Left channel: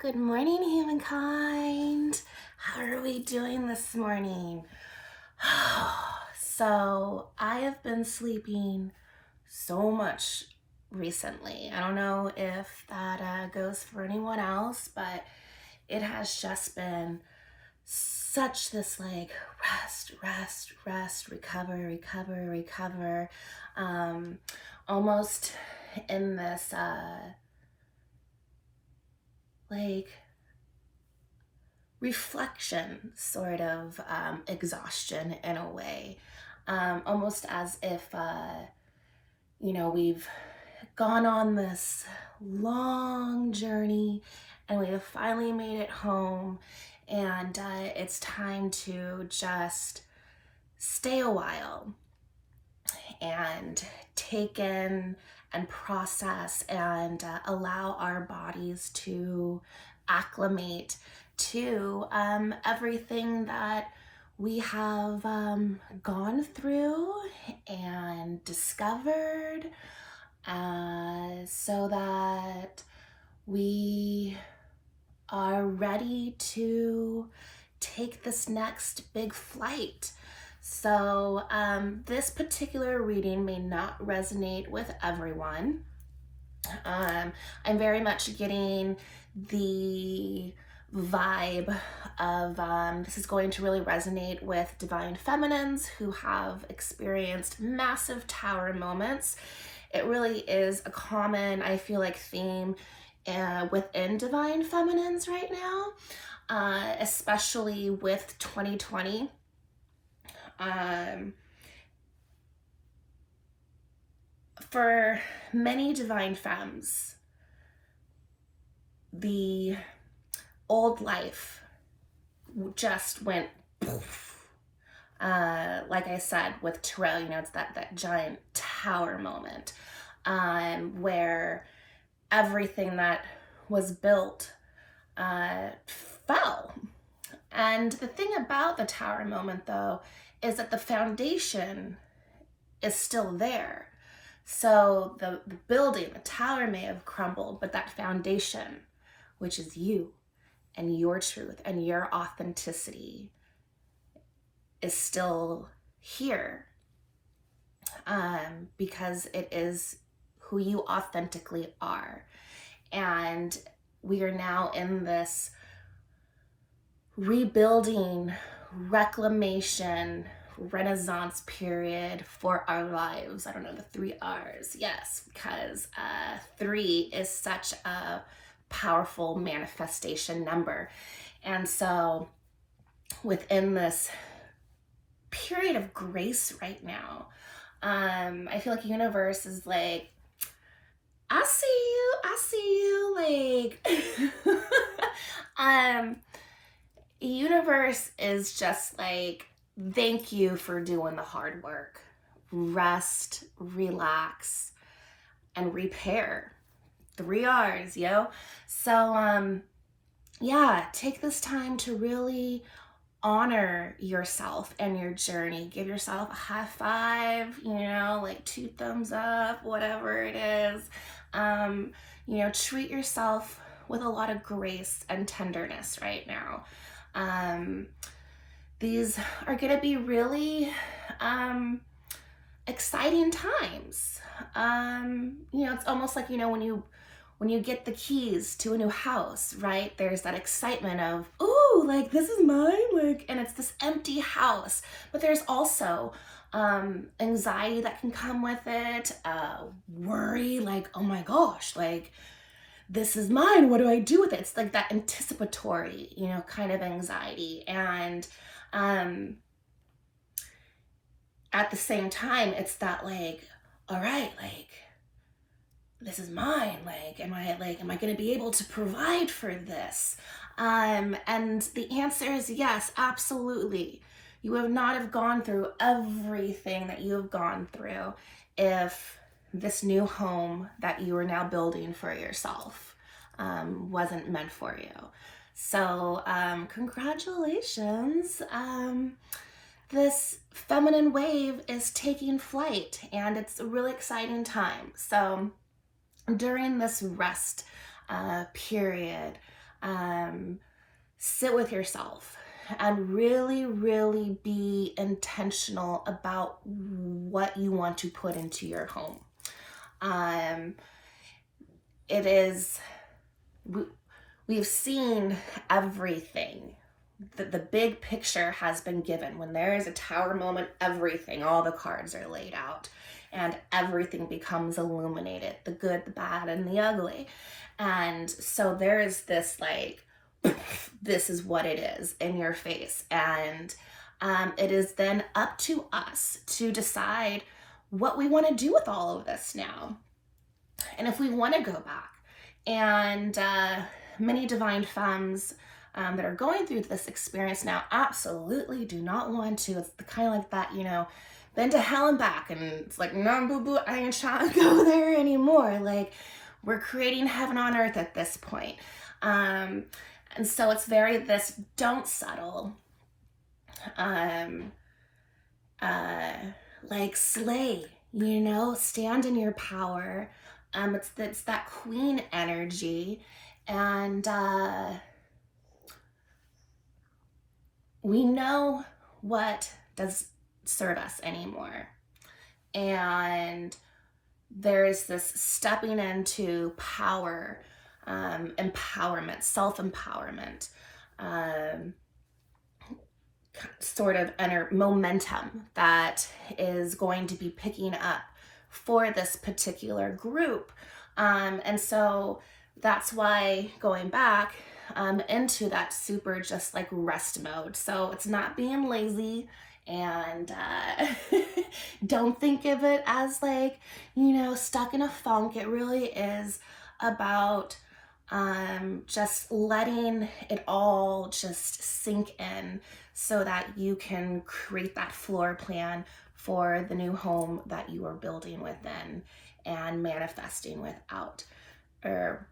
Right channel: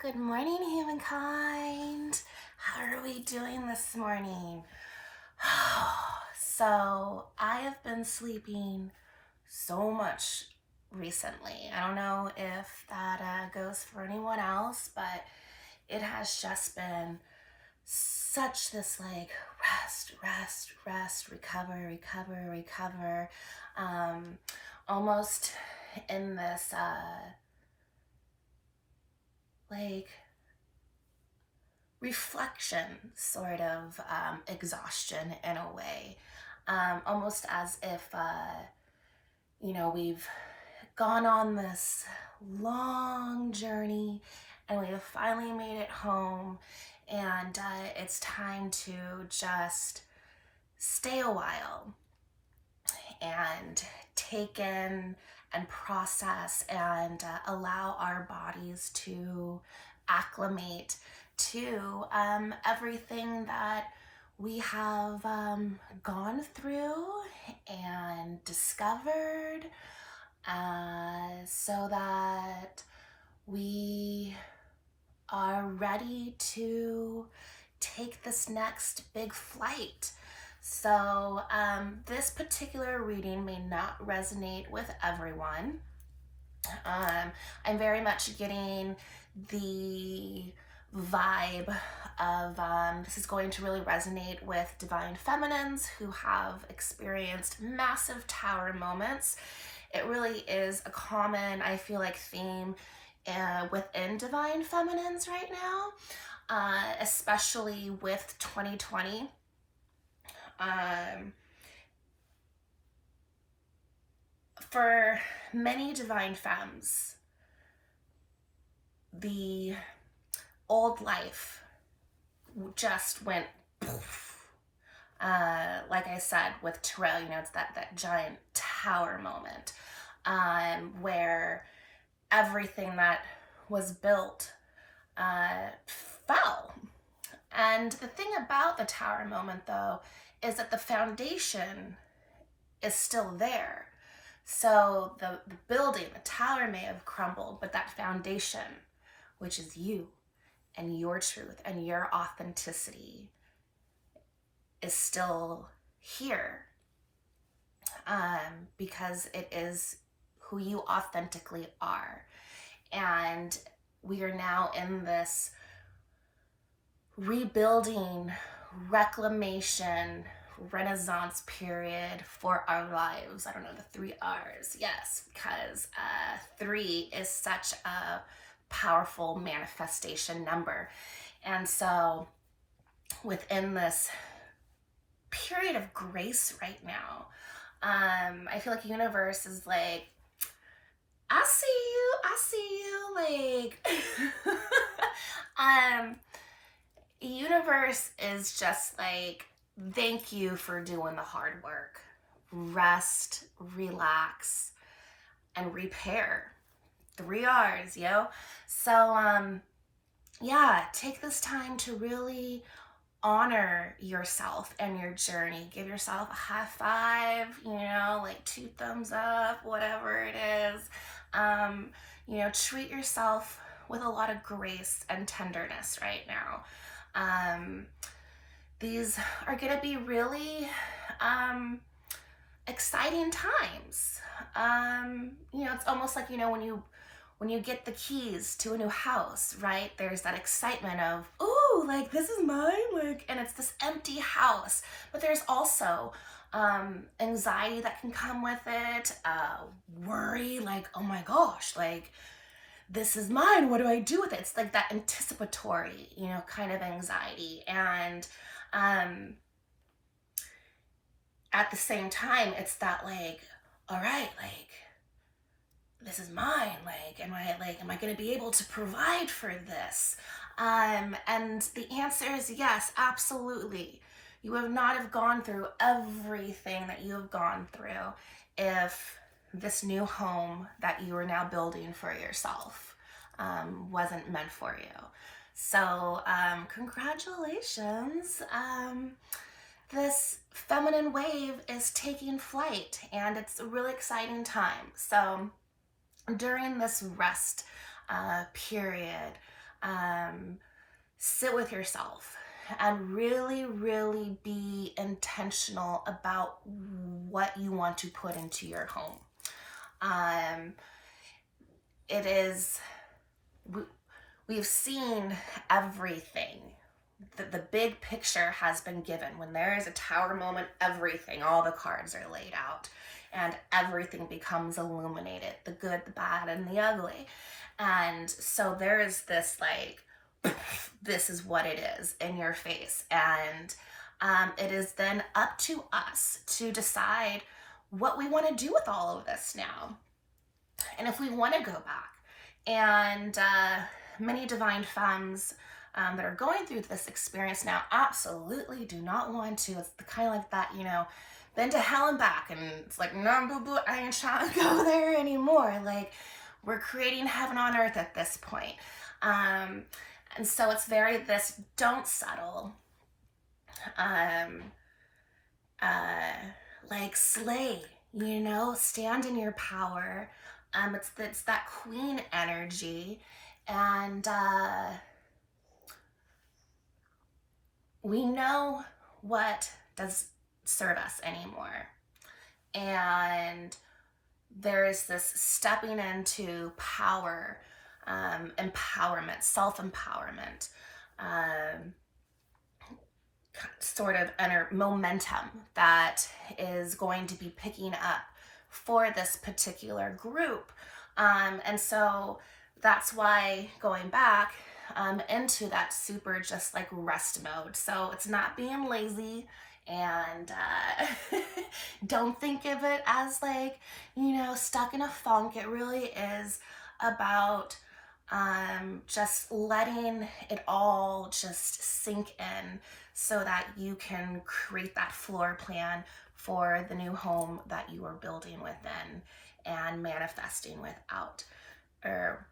Good morning, humankind. How are we doing this morning? So, I have been sleeping so much recently. I don't know if that goes for anyone else, but it has just been such this like rest, recover, recover, recover. Um, Almost in this like reflection sort of exhaustion in a way, almost as if we've gone on this long journey and we have finally made it home, and it's time to just stay a while and take in and process and allow our bodies to acclimate to everything that we have gone through and discovered, so that we are ready to take this next big flight. So, this particular reading may not resonate with everyone. I'm very much getting the vibe of this is going to really resonate with divine feminines who have experienced massive tower moments. It really is a common, I feel like, theme within divine feminines right now, especially with 2020. For many divine femmes, the old life just went poof. Like I said, with Terrell, it's that giant tower moment, where everything that was built fell. And the thing about the tower moment, though, is that the foundation is still there. So the building, the tower may have crumbled, but that foundation, which is you and your truth and your authenticity, is still here, because it is who you authentically are. And we are now in this rebuilding, reclamation, renaissance period for our lives. I don't know, the 3 R's. Yes, because 3 is such a powerful manifestation number. And so within this period of grace right now, I feel like universe is like, I see you, like, universe is just like, thank you for doing the hard work. Rest, relax, and repair. 3 R's, yo. So, yeah, take this time to really honor yourself and your journey. Give yourself a high five, like 2 thumbs up, whatever it is. Treat yourself with a lot of grace and tenderness right now. These are going to be really exciting times. It's almost like, when you get the keys to a new house, right? There's that excitement of, ooh, like, this is mine, like, and it's this empty house. But there's also anxiety that can come with it, worry, like, oh my gosh, like, this is mine, what do I do with it? It's like that anticipatory, kind of anxiety. And at the same time, it's that, like, all right, like, this is mine, like, am I going to be able to provide for this? And the answer is yes, absolutely. You would not have gone through everything that you have gone through if this new home that you are now building for yourself wasn't meant for you. So congratulations. This feminine wave is taking flight, and it's a really exciting time. So during this rest period, sit with yourself and really, really be intentional about what you want to put into your home. It is, we've seen everything. The big picture has been given. When there is a tower moment, everything, all the cards are laid out and everything becomes illuminated, the good, the bad, and the ugly. And so there is this like, this is what it is in your face. And it is then up to us to decide what we want to do with all of this now. And if we want to go back, and many divine femmes that are going through this experience now absolutely do not want to. It's kind of like that, you know, been to hell and back, and it's like, no, boo boo, I ain't trying to go there anymore. Like, we're creating heaven on earth at this point. And so it's very this, don't settle. Like slay, you know, stand in your power. It's that queen energy. And we know what does serve us anymore. And there's this stepping into power, empowerment, self-empowerment, sort of momentum that is going to be picking up for this particular group. And so that's why going back into that super just like rest mode. So it's not being lazy, and don't think of it as like, you know, stuck in a funk. It really is about just letting it all just sink in so that you can create that floor plan for the new home that you are building within and manifesting without, or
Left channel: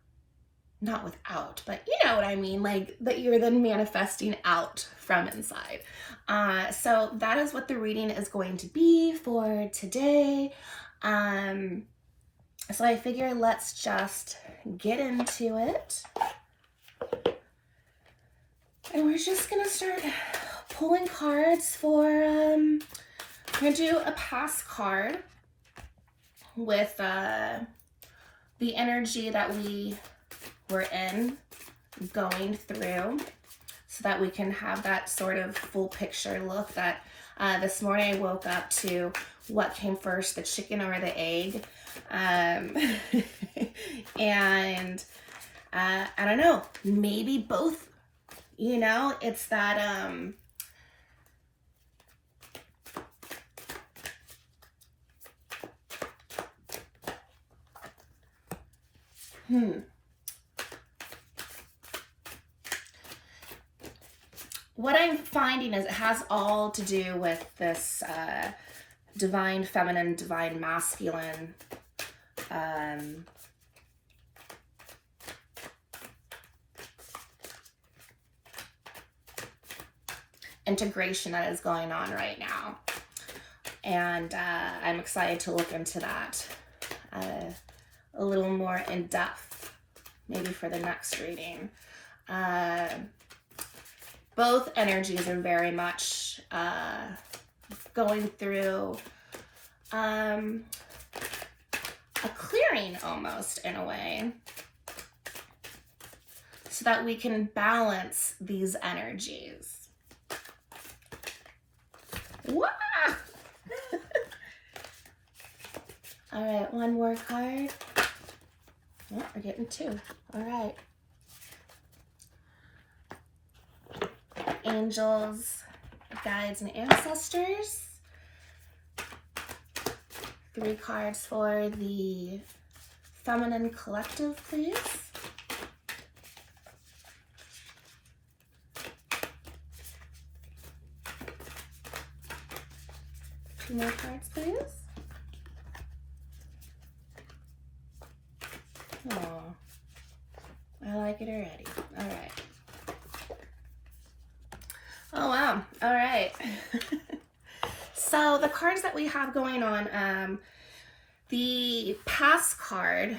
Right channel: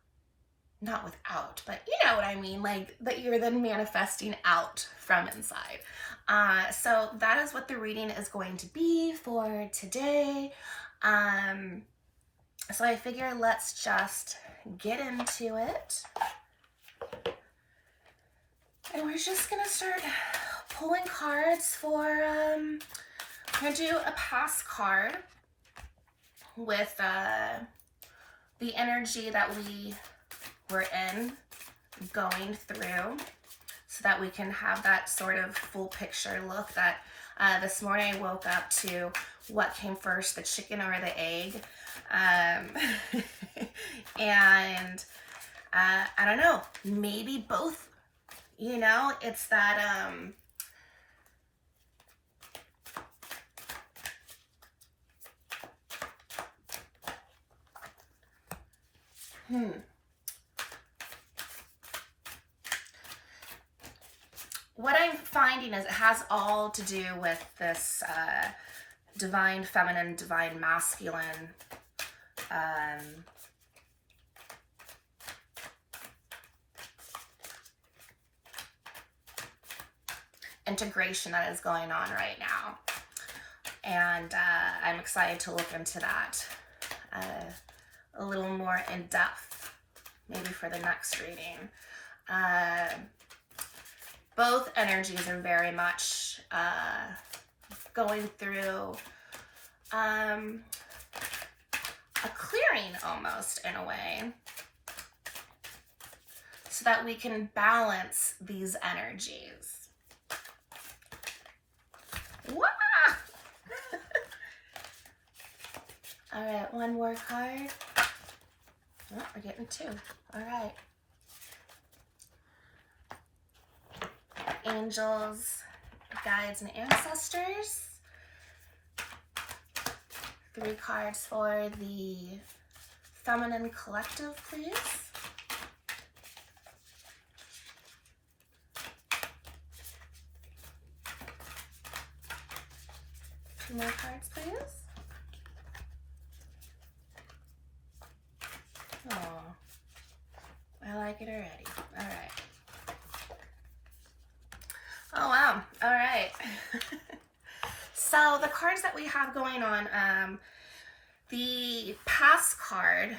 not without, but you know what I mean, like that you're then manifesting out from inside. So that is what the reading is going to be for today. So I figure let's just get into it. And we're just gonna start pulling cards for, I'm gonna do a past card with the energy that we were in, going through, so that we can have that sort of full picture look. That this morning I woke up to what came first, the chicken or the egg. And I don't know, maybe both, you know, it's that what I'm finding is it has all to do with this divine feminine, divine masculine integration that is going on right now. And I'm excited to look into that a little more in depth, maybe for the next reading. Both energies are very much going through a clearing almost, in a way, so that we can balance these energies. Wah! All right, one more card. Oh, we're getting two. All right. Angels, guides, and ancestors. 3 cards for the feminine collective, please. Two more cards, please. Oh, I like it already. All right. Oh, wow. All right. So the cards that we have going on, the past card,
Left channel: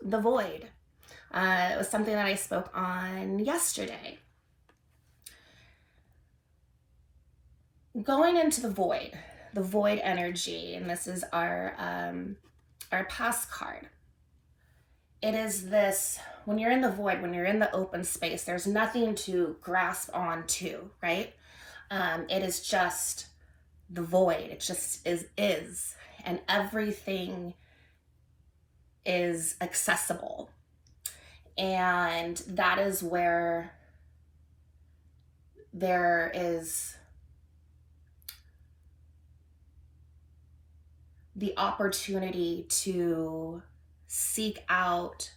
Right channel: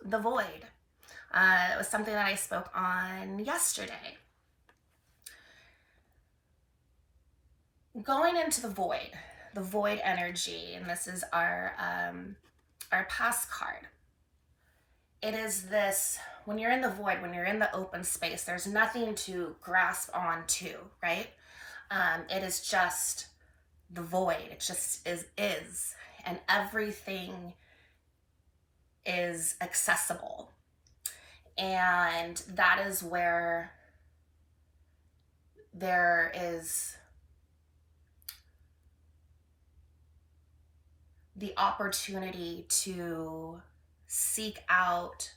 the void. It was something that I spoke on yesterday. Going into the void energy, and this is our past card. It is this, when you're in the void, when you're in the open space, there's nothing to grasp onto, right? It is just the void. It just is, and everything is accessible. And that is where there is the opportunity to seek out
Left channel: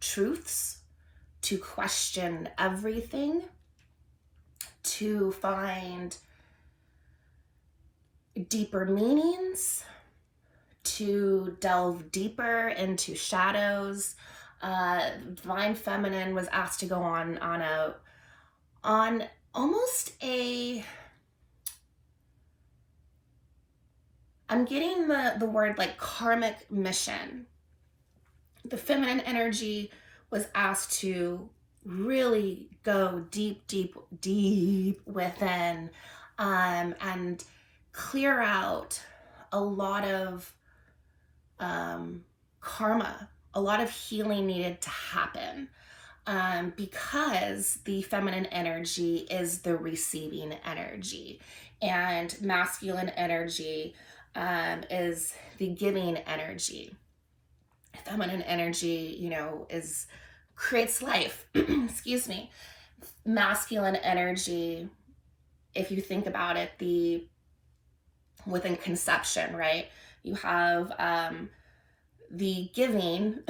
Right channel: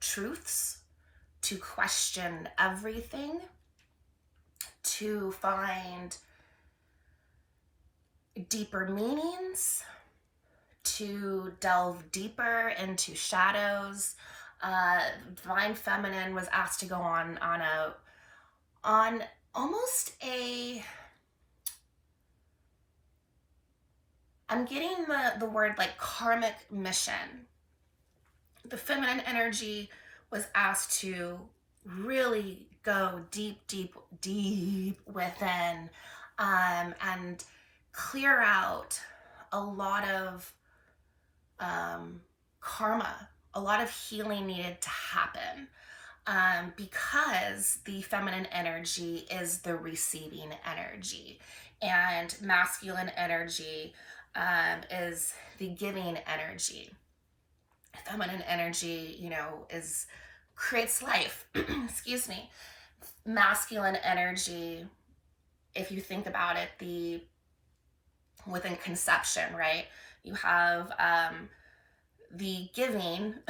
truths, to question everything, to find deeper meanings, to delve deeper into shadows. Divine Feminine was asked to go on almost a, I'm getting the word like karmic mission. The feminine energy was asked to really go deep within, and clear out a lot of karma. A lot of healing needed to happen, because the feminine energy is the receiving energy, and masculine energy is the giving energy. Feminine energy, creates life. Excuse me. Masculine energy, if you think about it, within conception, right? You have the giving,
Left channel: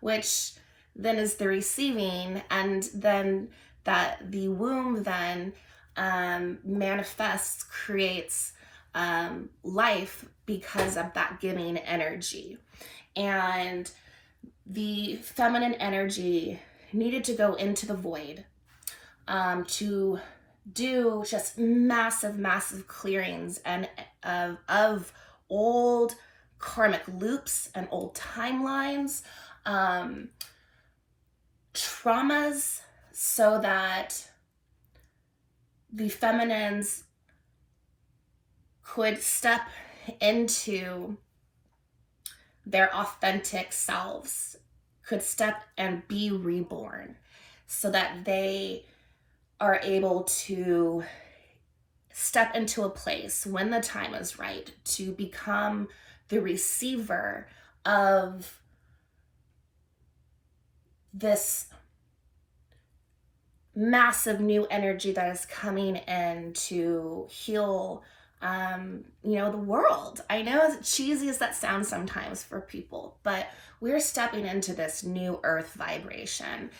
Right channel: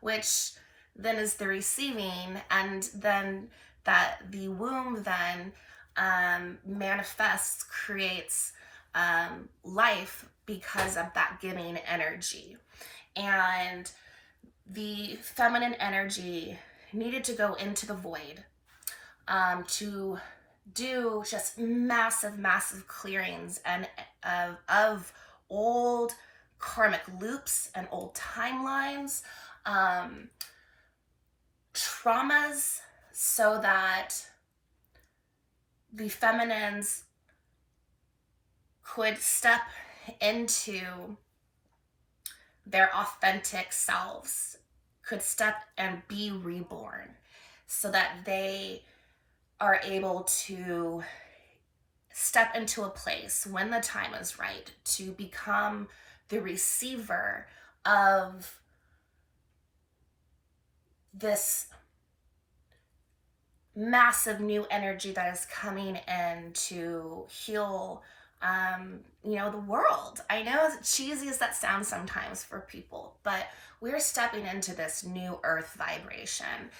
which then is the receiving, and then that the womb then manifests, creates life because of that giving energy. And the feminine energy needed to go into the void, to do just massive clearings and of old karmic loops and old timelines, traumas, so that the feminines could step into their authentic selves, could step and be reborn, so that they are able to step into a place when the time is right to become the receiver of this massive new energy that is coming in to heal the world. I know, as cheesy as that sounds sometimes for people, but we're stepping into this new earth vibration,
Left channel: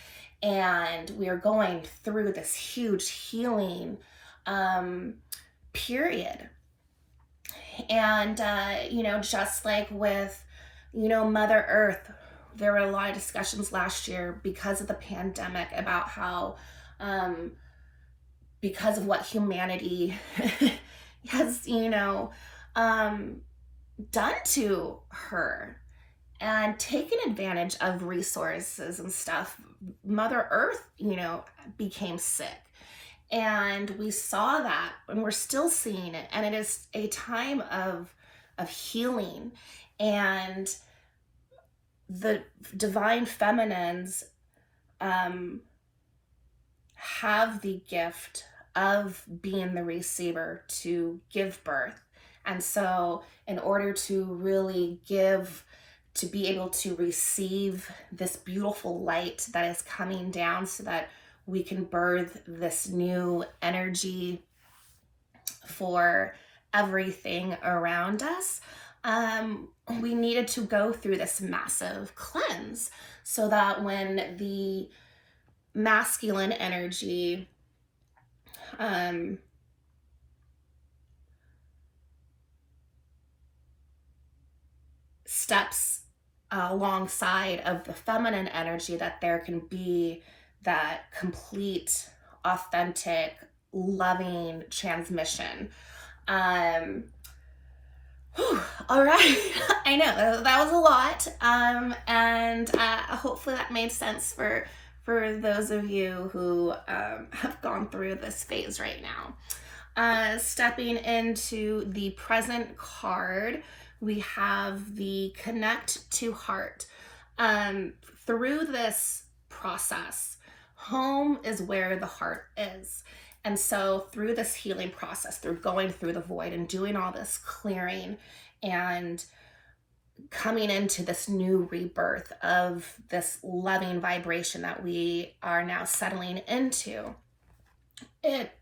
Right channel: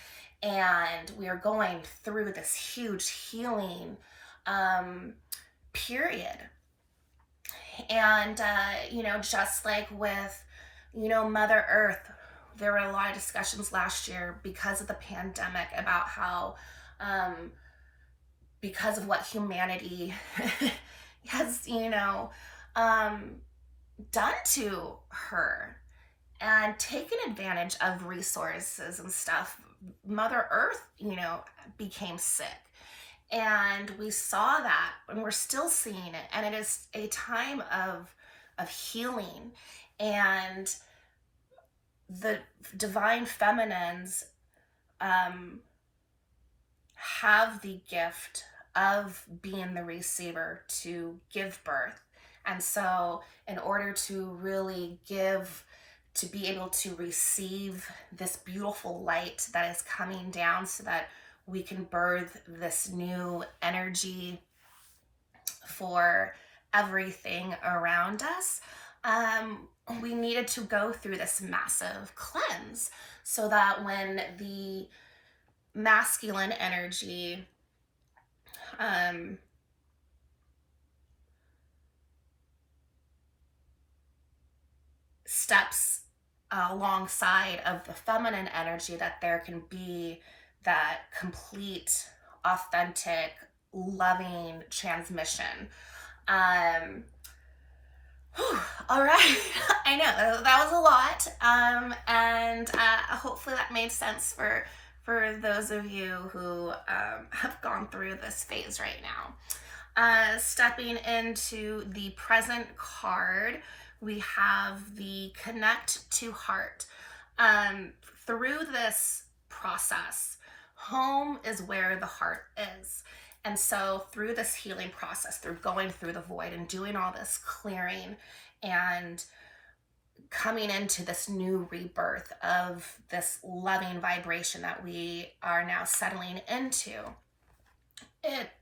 and we are going through this huge healing period. And just like with Mother Earth, there were a lot of discussions last year because of the pandemic about how because of what humanity has done to her and taken advantage of resources and stuff, Mother Earth became sick. And we saw that, and we're still seeing it, and it is a time of healing. And the divine feminines have the gift of being the receiver to give birth. And so in order to really give, to be able to receive this beautiful light that is coming down, so that we can birth this new energy for everything around us, we needed to go through this massive cleanse, so that when the masculine energy steps alongside of the feminine energy, that there can be that complete, authentic, loving transmission. Whew, all right. I know that was a lot. And hopefully that made sense for those of you who have gone through this phase right now. Stepping into the present card, we have the connect to heart. Um, Through this process, home is where the heart is. And so, through this healing process, through going through the void and doing all this clearing and coming into this new rebirth of this loving vibration that we are now settling into, it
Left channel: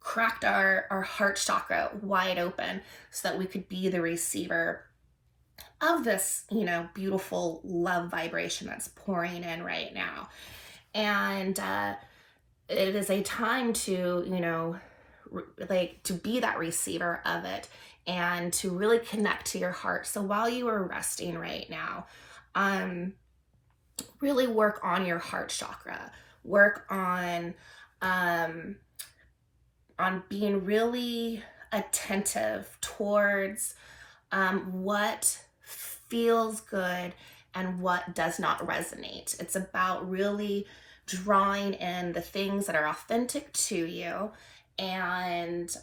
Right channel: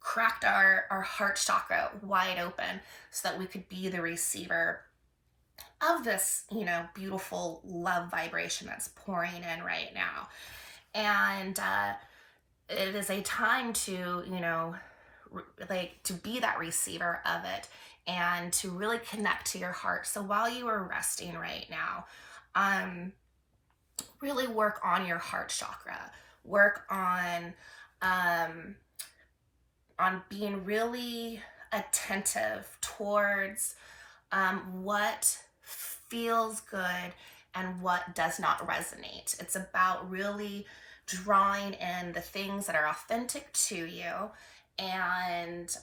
cracked our heart chakra wide open so that we could be the receiver of this, beautiful love vibration that's pouring in right now. And it is a time to, to be that receiver of it and to really connect to your heart. So while you are resting right now, really work on your heart chakra, work on being really attentive towards what feels good and what does not resonate. It's about really drawing in the things that are authentic to you and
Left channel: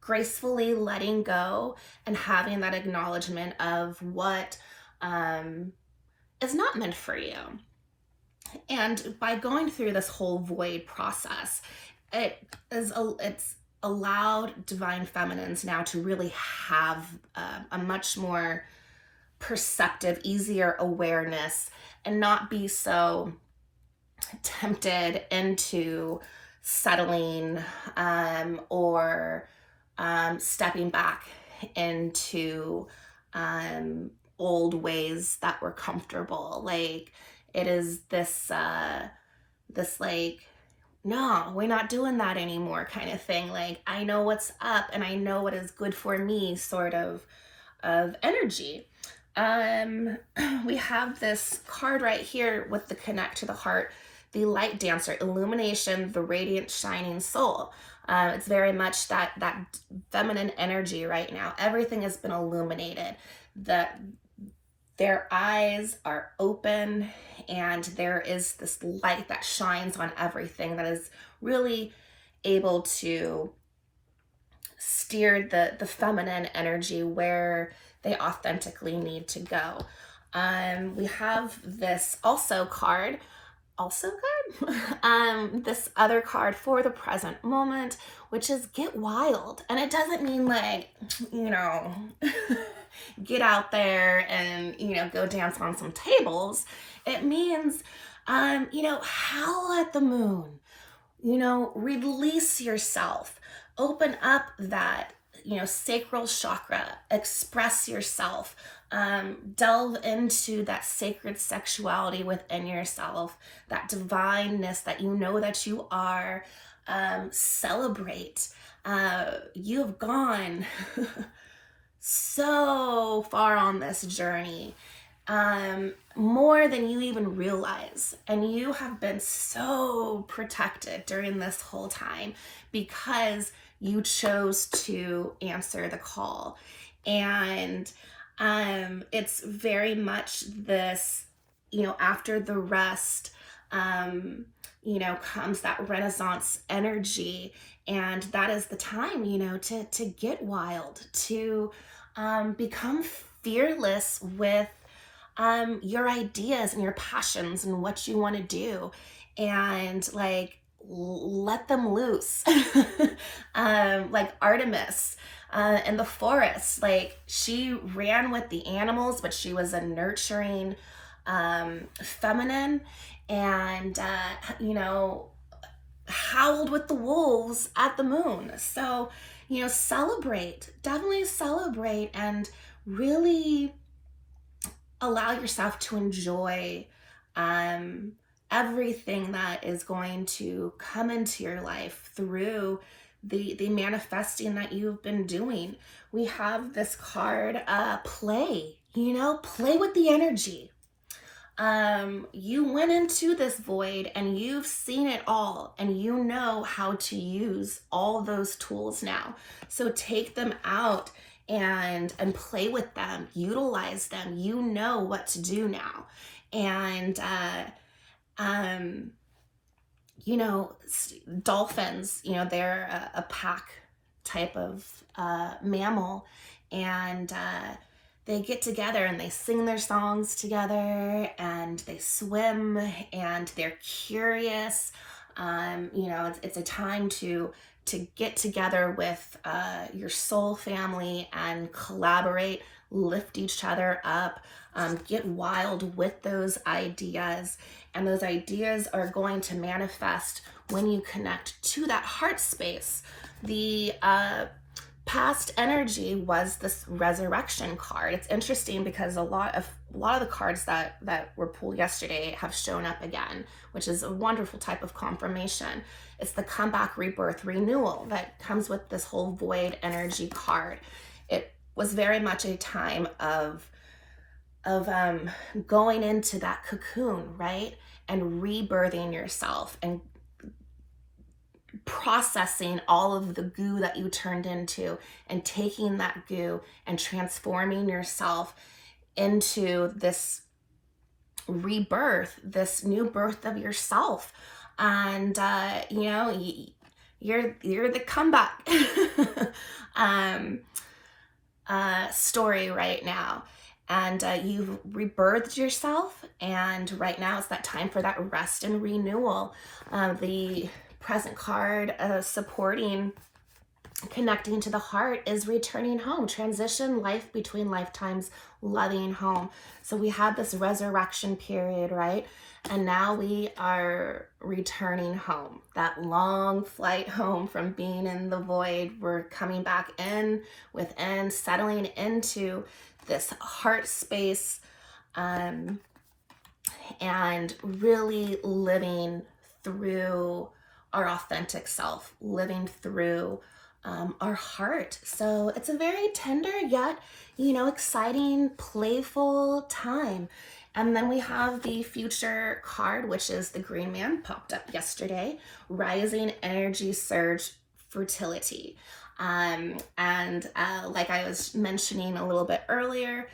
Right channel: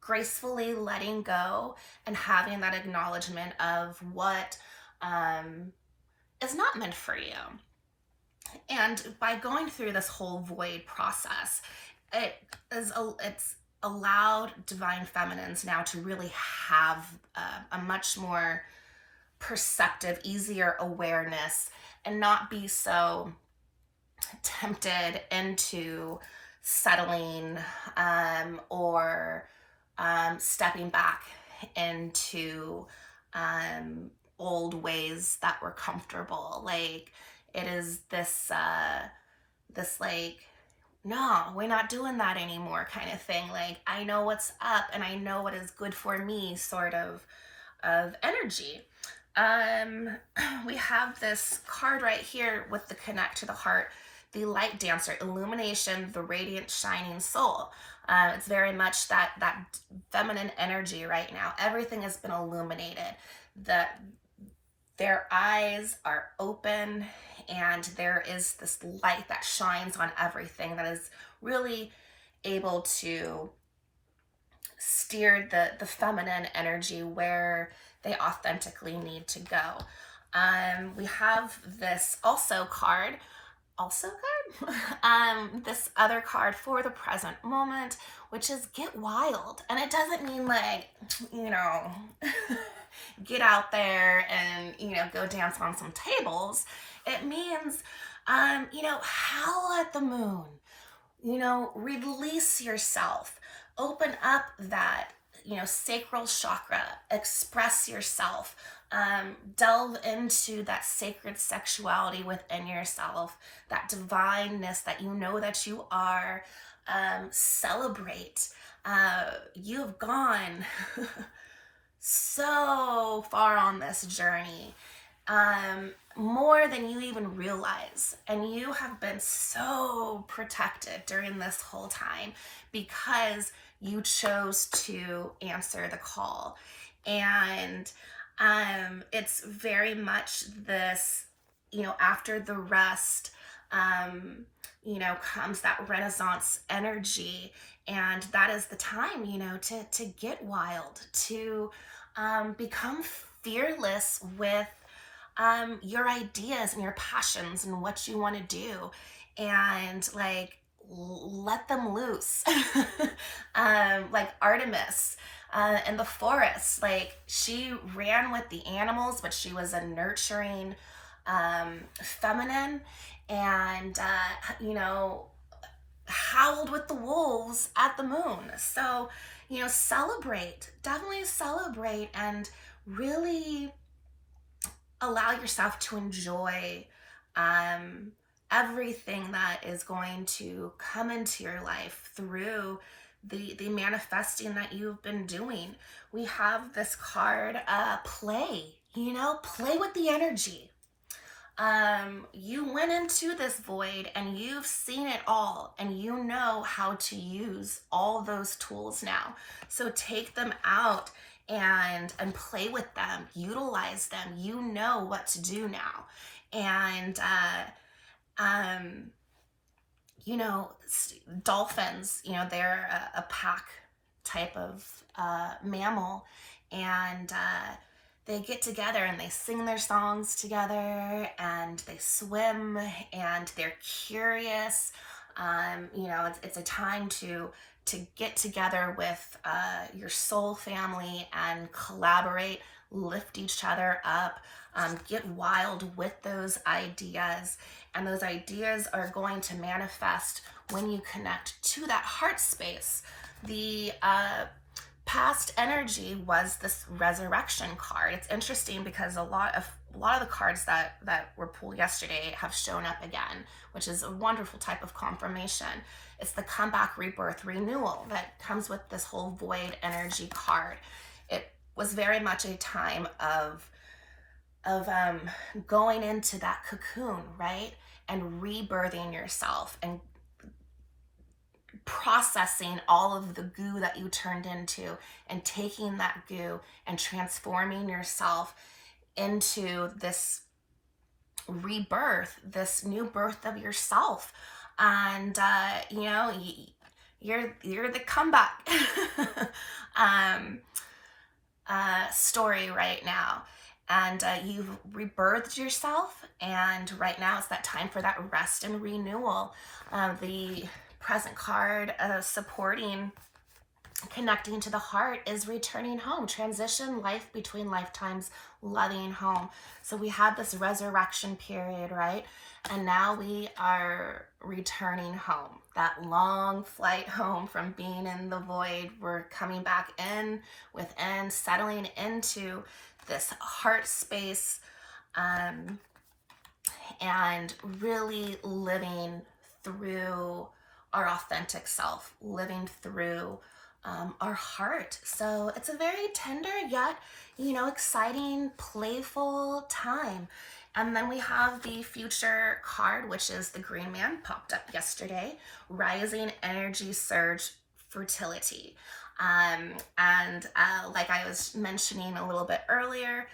gracefully letting go and having that acknowledgement of what is not meant for you. And by going through this whole void process, it's allowed divine feminines now to really have a much more perceptive, easier awareness and not be so tempted into settling or stepping back into old ways that were comfortable. Like, it is this like, no, we're not doing that anymore kind of thing. Like, I know what's up and I know what is good for me sort of energy. We have this card right here with the connect to the heart, the light dancer, illumination, the radiant shining soul. It's very much that feminine energy right now. Everything has been illuminated. Their eyes are open and there is this light that shines on everything that is really able to steer the feminine energy where they authentically need to go. We have this card, this other card for the present moment, which is get wild. And it doesn't mean like, get out there and, go dance on some tables. It means, howl at the moon, release yourself, open up that, sacral chakra, express yourself, delve into that sacred sexuality within yourself, that divineness that that you are, celebrate. You've gone so far on this journey, more than you even realize. And you have been so protected during this whole time because you chose to answer the call. And it's very much this, after the rest, comes that Renaissance energy. And that is the time, to get wild, to become fearless with your ideas and your passions and what you want to do, and like let them loose. Like Artemis in the forest, like she ran with the animals, but she was a nurturing feminine, and howled with the wolves at the moon. So, definitely celebrate and really allow yourself to enjoy everything that is going to come into your life through the manifesting that you've been doing. We have this card, play, play with the energy. You went into this void and you've seen it all, and you know how to use all those tools now. So take them out and play with them, utilize them. You know what to do now. And you know, dolphins, you know, they're a pack type of mammal, and they get together and they sing their songs together, and they swim, and they're curious. You know, it's a time to get together with your soul family and collaborate, lift each other up, get wild with those ideas. And those ideas are going to manifest when you connect to that heart space. The past energy was this resurrection card. It's interesting because a lot of the cards that were pulled yesterday have shown up again, which is a wonderful type of confirmation. It's the comeback, rebirth, renewal that comes with this whole void energy card. It was very much a time of going into that cocoon, right? And rebirthing yourself and processing all of the goo that you turned into, and taking that goo and transforming yourself into this rebirth, this new birth of yourself. And you know, you're the comeback story right now. And you've rebirthed yourself, and right now it's that time for that rest and renewal. The present card supporting connecting to the heart is returning home, transition, life between lifetimes, loving home. So we had this resurrection period, right? And now we are returning home, that long flight home from being in the void. We're coming back in within, settling into this heart space, and really living through our authentic self, living through our heart. So it's a very tender yet, you know, exciting, playful time. And then we have the future card, which is the Green Man, popped up yesterday, rising energy surge fertility. Like I was mentioning a little bit earlier,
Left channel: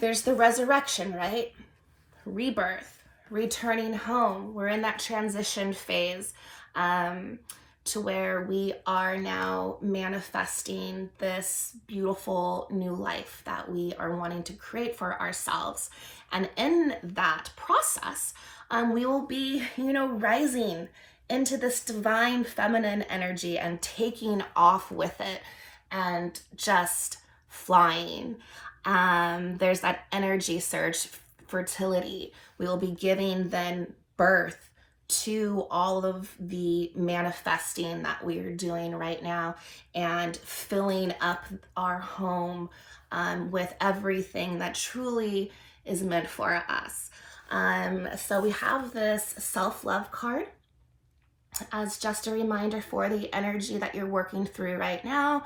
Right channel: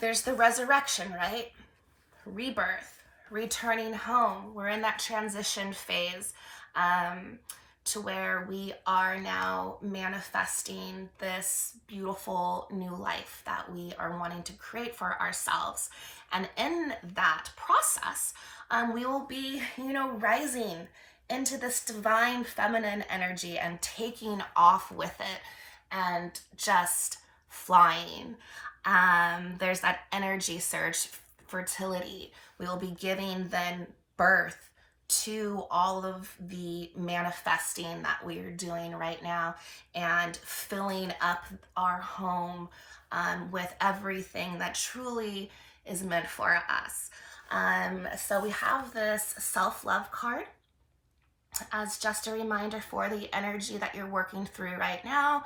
there's the resurrection, right? Rebirth, returning home. We're in that transition phase to where we are now manifesting this beautiful new life that we are wanting to create for ourselves. And in that process, we will be, you know, rising into this divine feminine energy and taking off with it and just flying. There's that energy surge, fertility. We will be giving then birth to all of the manifesting that we are doing right now, and filling up our home with everything that truly is meant for us. So we have this self-love card as just a reminder for the energy that you're working through right now,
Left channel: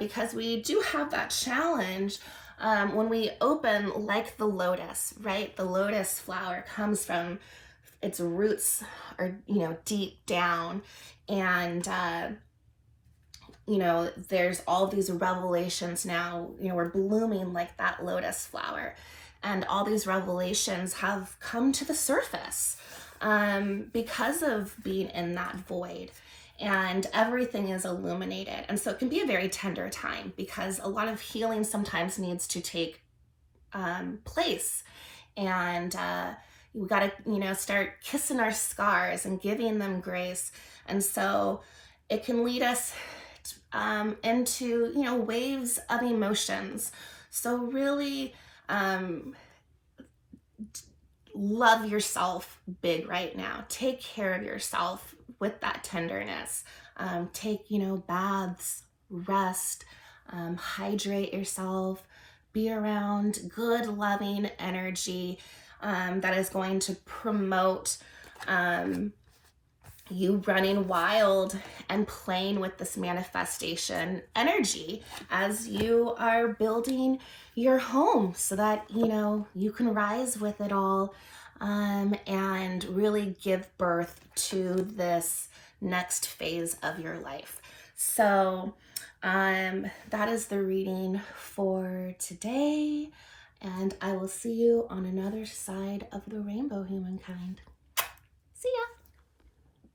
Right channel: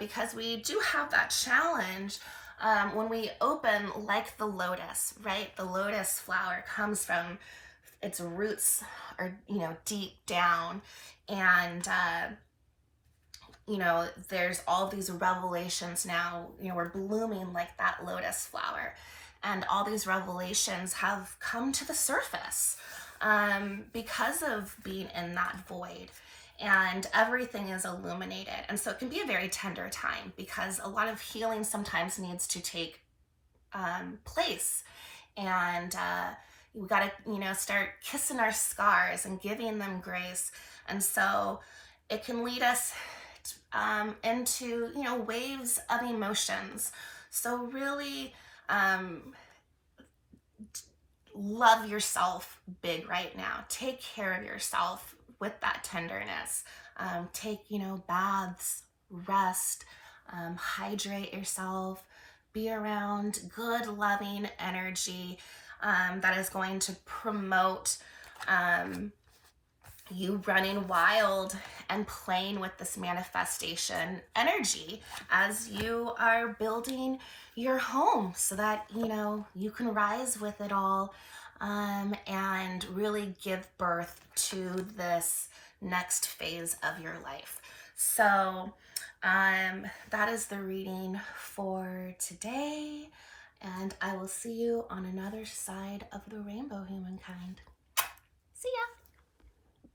because we do have that challenge when we open, like the lotus, right? The lotus flower comes from its roots are, you know, deep down, and you know, there's all these revelations now. You know, we're blooming like that lotus flower, and all these revelations have come to the surface because of being in that void, and everything is illuminated. And so it can be a very tender time, because a lot of healing sometimes needs to take place, and we got to, you know, start kissing our scars and giving them grace. And so it can lead us into, you know, waves of emotions. So really love yourself big right now. Take care of yourself with that tenderness. Take, you know, baths, rest, hydrate yourself, be around good, loving energy that is going to promote you running wild and playing with this manifestation energy as you are building your home, so that, you know, you can rise with it all and really give birth to this next phase of your life. So That is the reading for today, and I will see you on another side of the rainbow, humankind.